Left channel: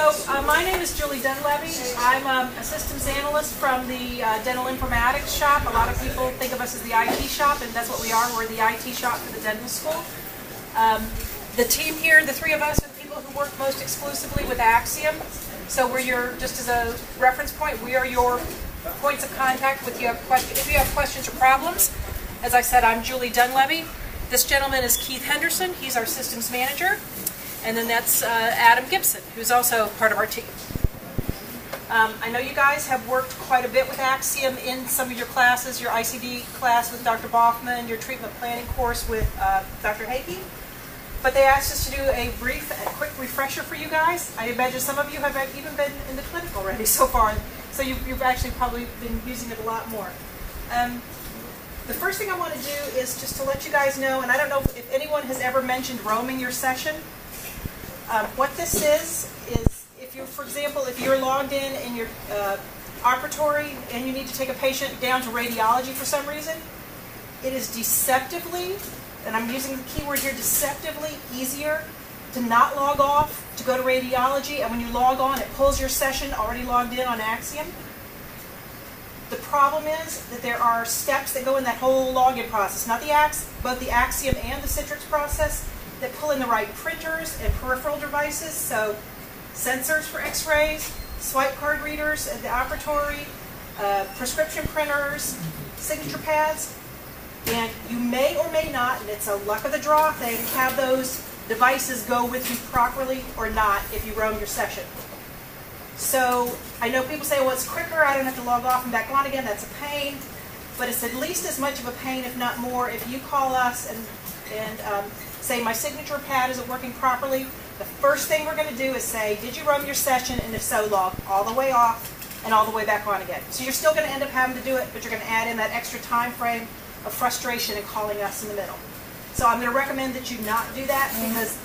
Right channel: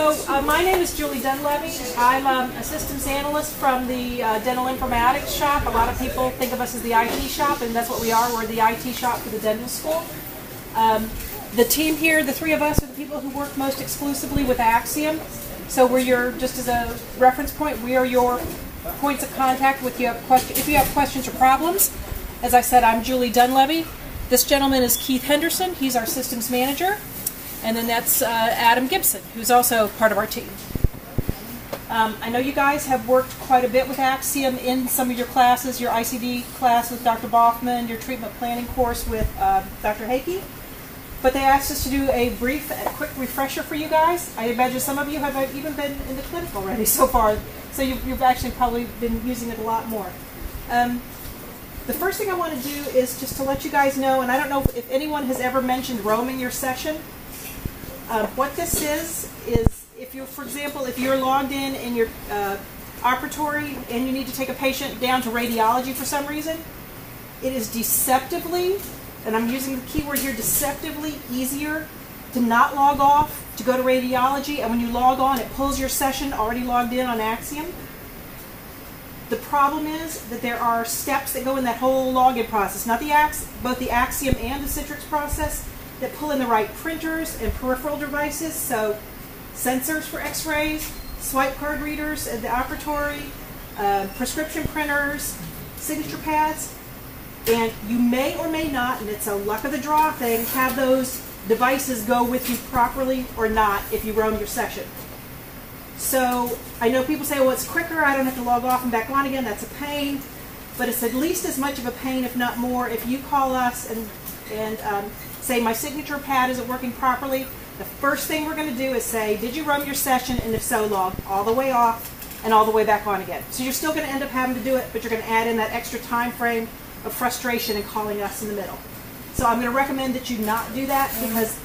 My name is Julie Dunlevy. I'm an assistance analyst from the dental informatics shop. A lot of people think of us as the IT shop, and that's what we are. We're the IT shop for the dental school. The team here, the three of us, are the people who work most exclusively with Axiom. So we're just as a reference point, we are your points of contact if you have questions or problems. As I said, I'm Julie Dunlevy. This gentleman is Keith Henderson. He's our systems manager. And then that's Adam Gibson, who's also part of our team. I know you guys have worked quite a bit with Axiom in some of your classes, your ICD class with Dr. Bachman, your treatment planning course with Dr. Hakey. But they asked us to do a quick refresher for you guys. I imagine some of you have even been in the clinic already so far, so you've actually probably been using it a lot more. The first thing I want to do is just to let you guys know, and I don't know if anyone has ever mentioned roaming your session. What this is if you're, for example, if you're logged in your operatory and you need to take a patient down to radiology for some reason, it is deceptively, and I'm using the key word here, deceptively easier to not log off, to go to radiology, and when you log on, it pulls your session already logged in on Axiom. The problem is that there are steps that go in that whole login process, not both the Axiom and the Citrix process, that pull in the right printers and peripheral devices, so sensors for x-rays, swipe card readers at the operatory, prescription printers, signature pads, and you may or may not, and it's a luck of the draw thing, have those devices go with you properly or not if you roam your session. So I know people say, well, it's quicker, I don't have to log off and back on again, that's a pain, but it's at least as much of a pain, if not more, if you call us and say my signature pad isn't working properly. The first thing we're going to do is say, did you roam your session, and if so, log all the way off and all the way back on again. So you're still going to end up having to do it, but you're going to add in that extra time frame of frustration and calling us in the middle. So I'm going to recommend that you not do that because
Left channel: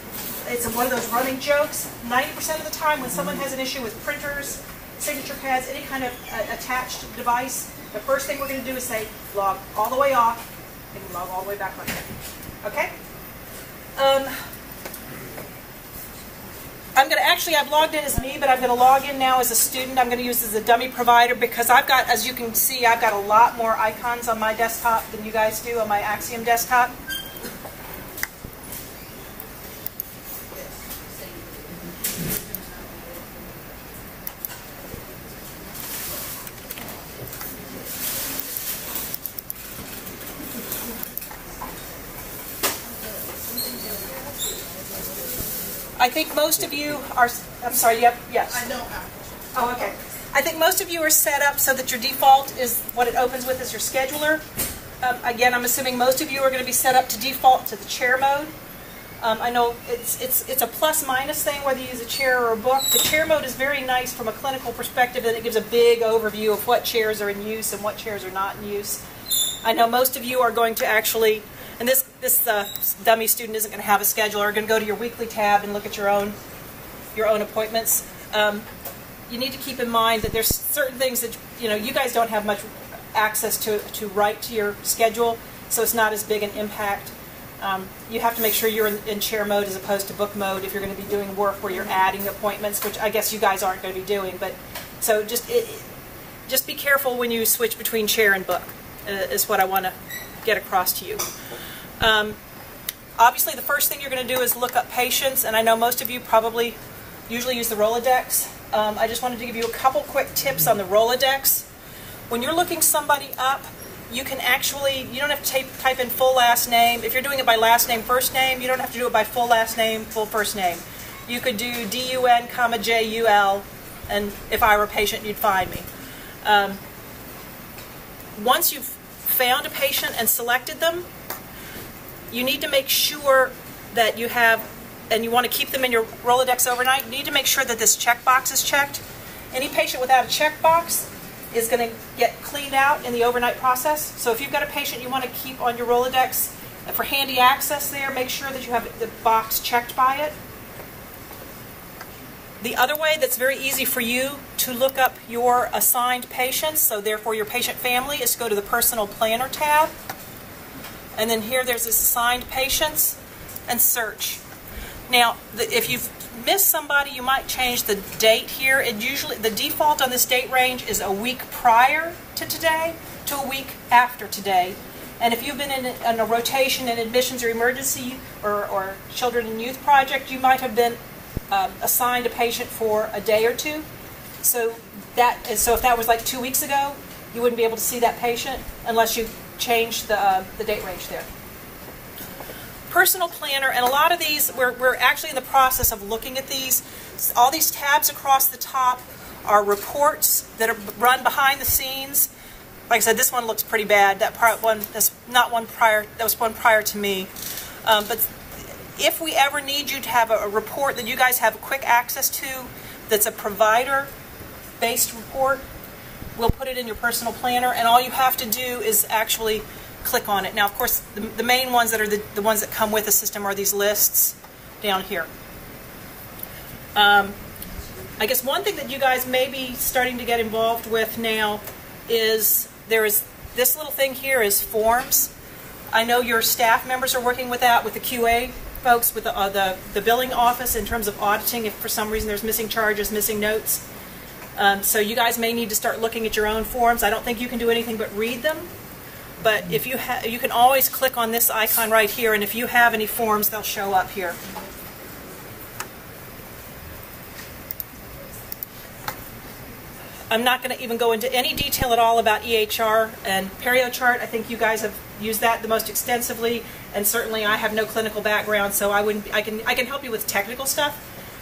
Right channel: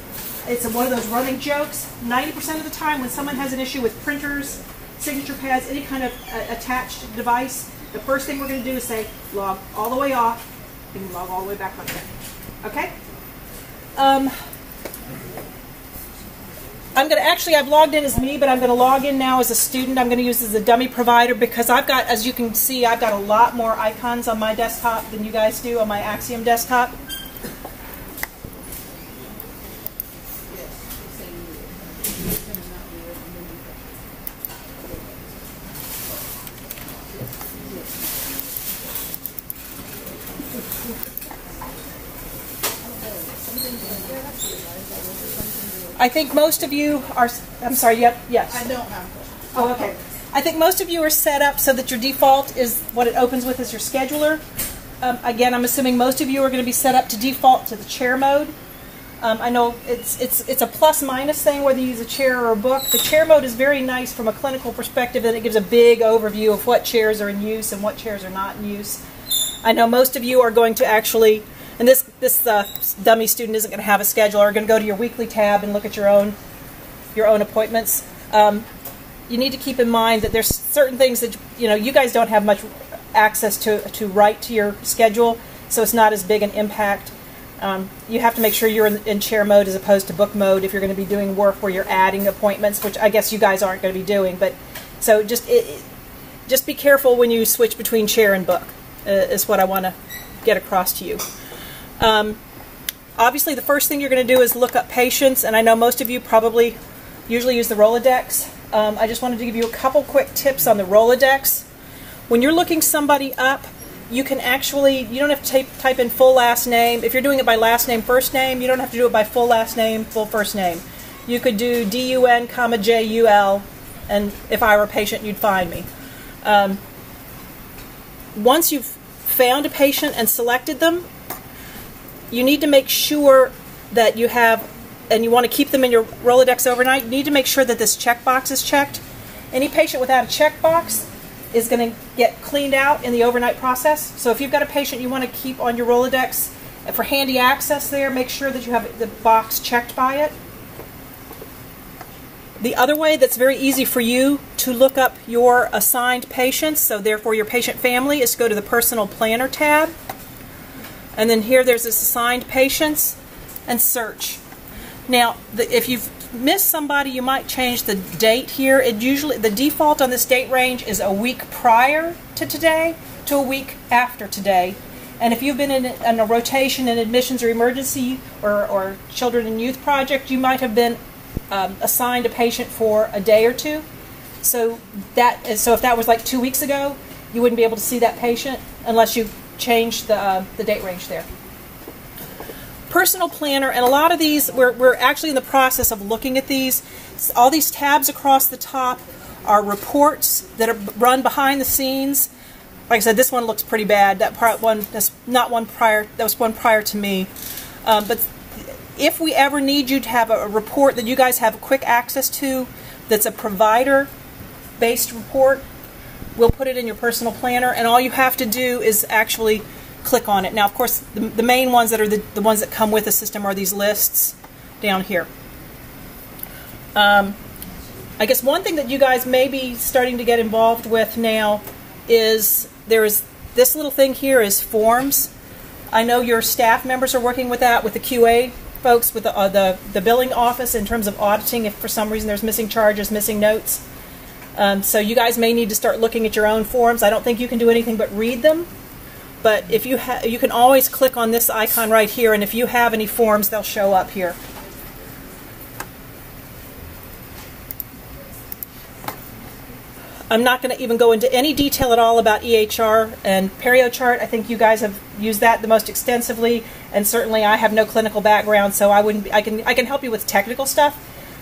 it's one of those running jokes. 90% of the time when someone has an issue with printers, signature pads, any kind of attached device, the first thing we're going to do is say, log all the way off and log all the way back on again. Okay? I've logged in as me, but I'm going to log in now as a student. I'm going to use this as a dummy provider because I've got, as you can see, I've got a lot more icons on my desktop than you guys do on my Axiom desktop. I think most of you are, I'm sorry, yep, yes. I don't have. Oh, okay. I think most of you are set up so that your default is what it opens with as your scheduler. Again, I'm assuming most of you are going to be set up to default to the chair mode. I know it's a plus-minus thing whether you use a chair or a book. The chair mode is very nice from a clinical perspective, and it gives a big overview of what chairs are in use and what chairs are not in use. I know most of you are going to actually, and this dummy student isn't going to have a scheduler, are going to go to your weekly tab and look at your own appointments. You need to keep in mind that there's certain things that, you guys don't have much access to write to your schedule, so it's not as big an impact. You have to make sure you're in chair mode as opposed to book mode if you're going to be doing work where you're adding appointments, which I guess you guys aren't going to be doing. But so just be careful when you switch between chair and book, is what I want to get across to you. Obviously, the first thing you're going to do is look up patients, and I know most of you probably usually use the Rolodex. I just wanted to give you a couple quick tips on the Rolodex. When you're looking somebody up, you can actually, you don't have to type in full last name. If you're doing it by last name, first name, you don't have to do it by full last name, full first name. You could do DUN, JUL, and if I were a patient, you'd find me. Once you've found a patient and selected them, you need to make sure that you have, and you want to keep them in your Rolodex overnight, you need to make sure that this checkbox is checked. Any patient without a checkbox is going to get cleaned out in the overnight process. So if you've got a patient you want to keep on your Rolodex for handy access there, make sure that you have the box checked by it. The other way that's very easy for you to look up your assigned patients, so therefore your patient family, is to go to the Personal Planner tab. And then here there's this assigned patients and search. Now, if you've miss somebody, you might change the date here. It usually, the default on this date range is a week prior to today to a week after today. And if you've been in a rotation in admissions or emergency or children and youth project, you might have been assigned a patient for a day or two. So if that was like 2 weeks ago, you wouldn't be able to see that patient unless you changed the date range there. Personal planner, and a lot of these, we're actually in the process of looking at these. All these tabs across the top are reports that are run behind the scenes. Like I said, this one looks pretty bad. That that's not one prior. That was one prior to me. But if we ever need you to have a report that you guys have quick access to, that's a provider-based report, we'll put it in your personal planner, and all you have to do is actually click on it. Now, of course, the main ones that are the ones that come with the system are these lists down here. I guess one thing that you guys may be starting to get involved with now is there's this little thing here is forms. I know your staff members are working with that, with the QA folks, with the billing office in terms of auditing if for some reason there's missing charges, missing notes. So you guys may need to start looking at your own forms. I don't think you can do anything but read them. But if you can always click on this icon right here, and if you have any forms, they'll show up here. I'm not going to even go into any detail at all about EHR and PerioChart. I think you guys have used that the most extensively, and certainly I have no clinical background, so I can help you with technical stuff,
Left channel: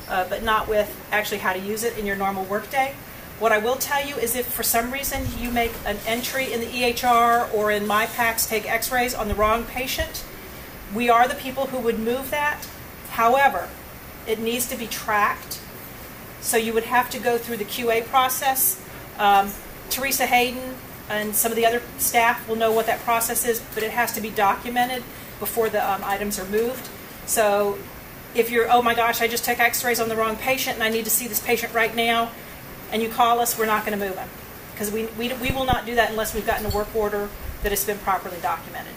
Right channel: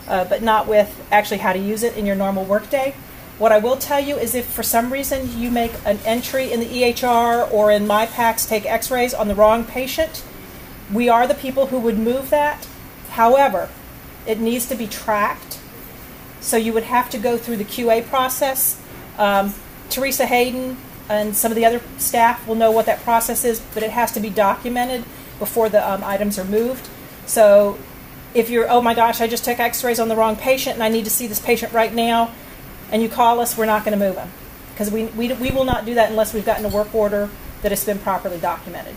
but not with actually how to use it in your normal workday. What I will tell you is if for some reason you make an entry in the EHR or in MyPACS take x-rays on the wrong patient, we are the people who would move that. However, it needs to be tracked. So you would have to go through the QA process. Teresa Hayden and some of the other staff will know what that process is, but it has to be documented before the items are moved. So if you're, oh my gosh, I just took x-rays on the wrong patient and I need to see this patient right now, and you call us, we're not going to move them. Because we will not do that unless we've gotten a work order that has been properly documented.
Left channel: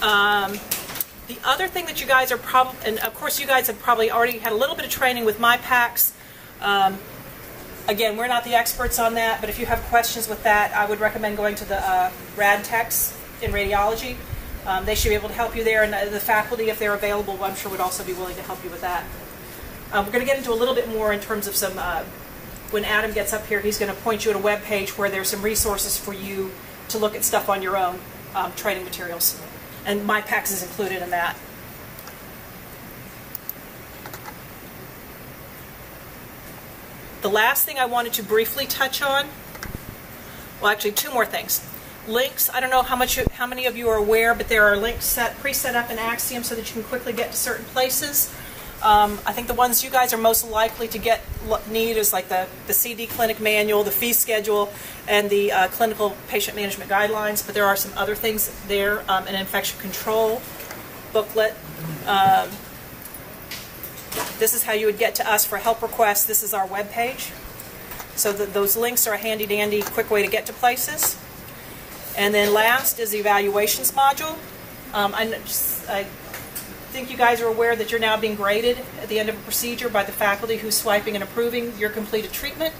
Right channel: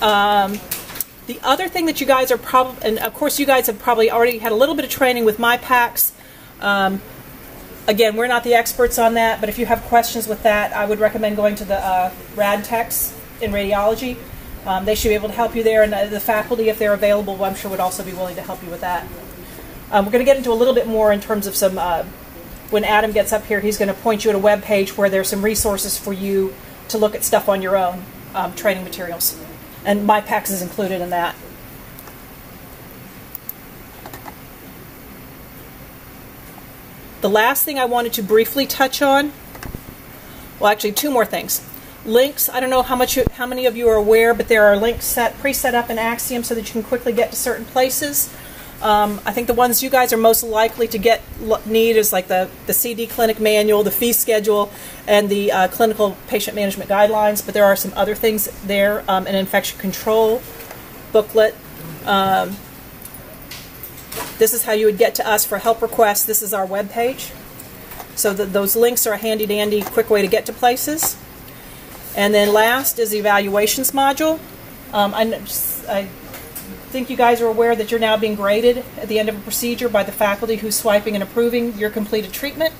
The other thing that you guys are probably, and of course you guys have probably already had a little bit of training with MyPACS. Again, we're not the experts on that, but if you have questions with that, I would recommend going to the rad techs in radiology. They should be able to help you there, and the faculty, if they're available, I'm sure would also be willing to help you with that. We're going to get into a little bit more in terms of some, when Adam gets up here, he's going to point you at a web page where there's some resources for you to look at stuff on your own, training materials. And MyPACS is included in that. The last thing I wanted to briefly touch on, well, actually two more things. Links, I don't know how many of you are aware, but there are links pre-set up in Axiom so that you can quickly get to certain places. I think the ones you guys are most likely to need is like the CD clinic manual, the fee schedule, and the clinical patient management guidelines, but there are some other things there, an infection control booklet. This is how you would get to us for help requests. This is our web page. So those links are a handy-dandy, quick way to get to places. And then last is the evaluations module. I think you guys are aware that you're now being graded at the end of a procedure by the faculty who's swiping and approving your completed treatment.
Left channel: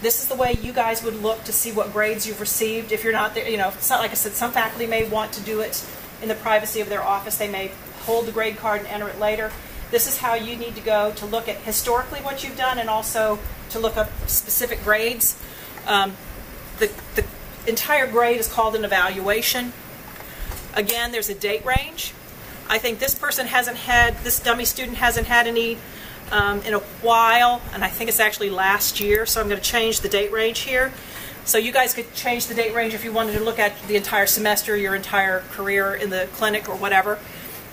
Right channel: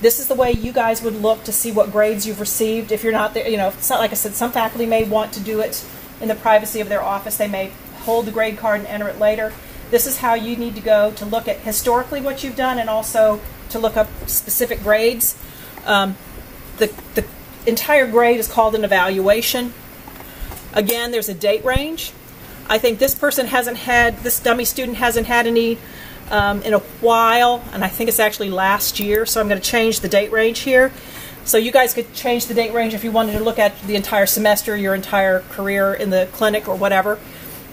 This is the way you guys would look to see what grades you've received. If you're not there, you know, it's not like I said, some faculty may want to do it in the privacy of their office. They may hold the grade card and enter it later. This is how you need to go to look at historically what you've done and also to look up specific grades. The entire grade is called an evaluation. Again, there's a date range. I think this person hasn't had, this dummy student hasn't had any in a while, and I think it's actually last year, so I'm going to change the date range here. So you guys could change the date range if you wanted to look at the entire semester, your entire career in the clinic or whatever.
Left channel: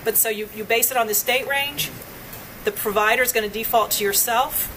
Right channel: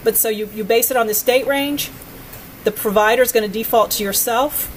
But so you base it on this date range. The provider is going to default to yourself.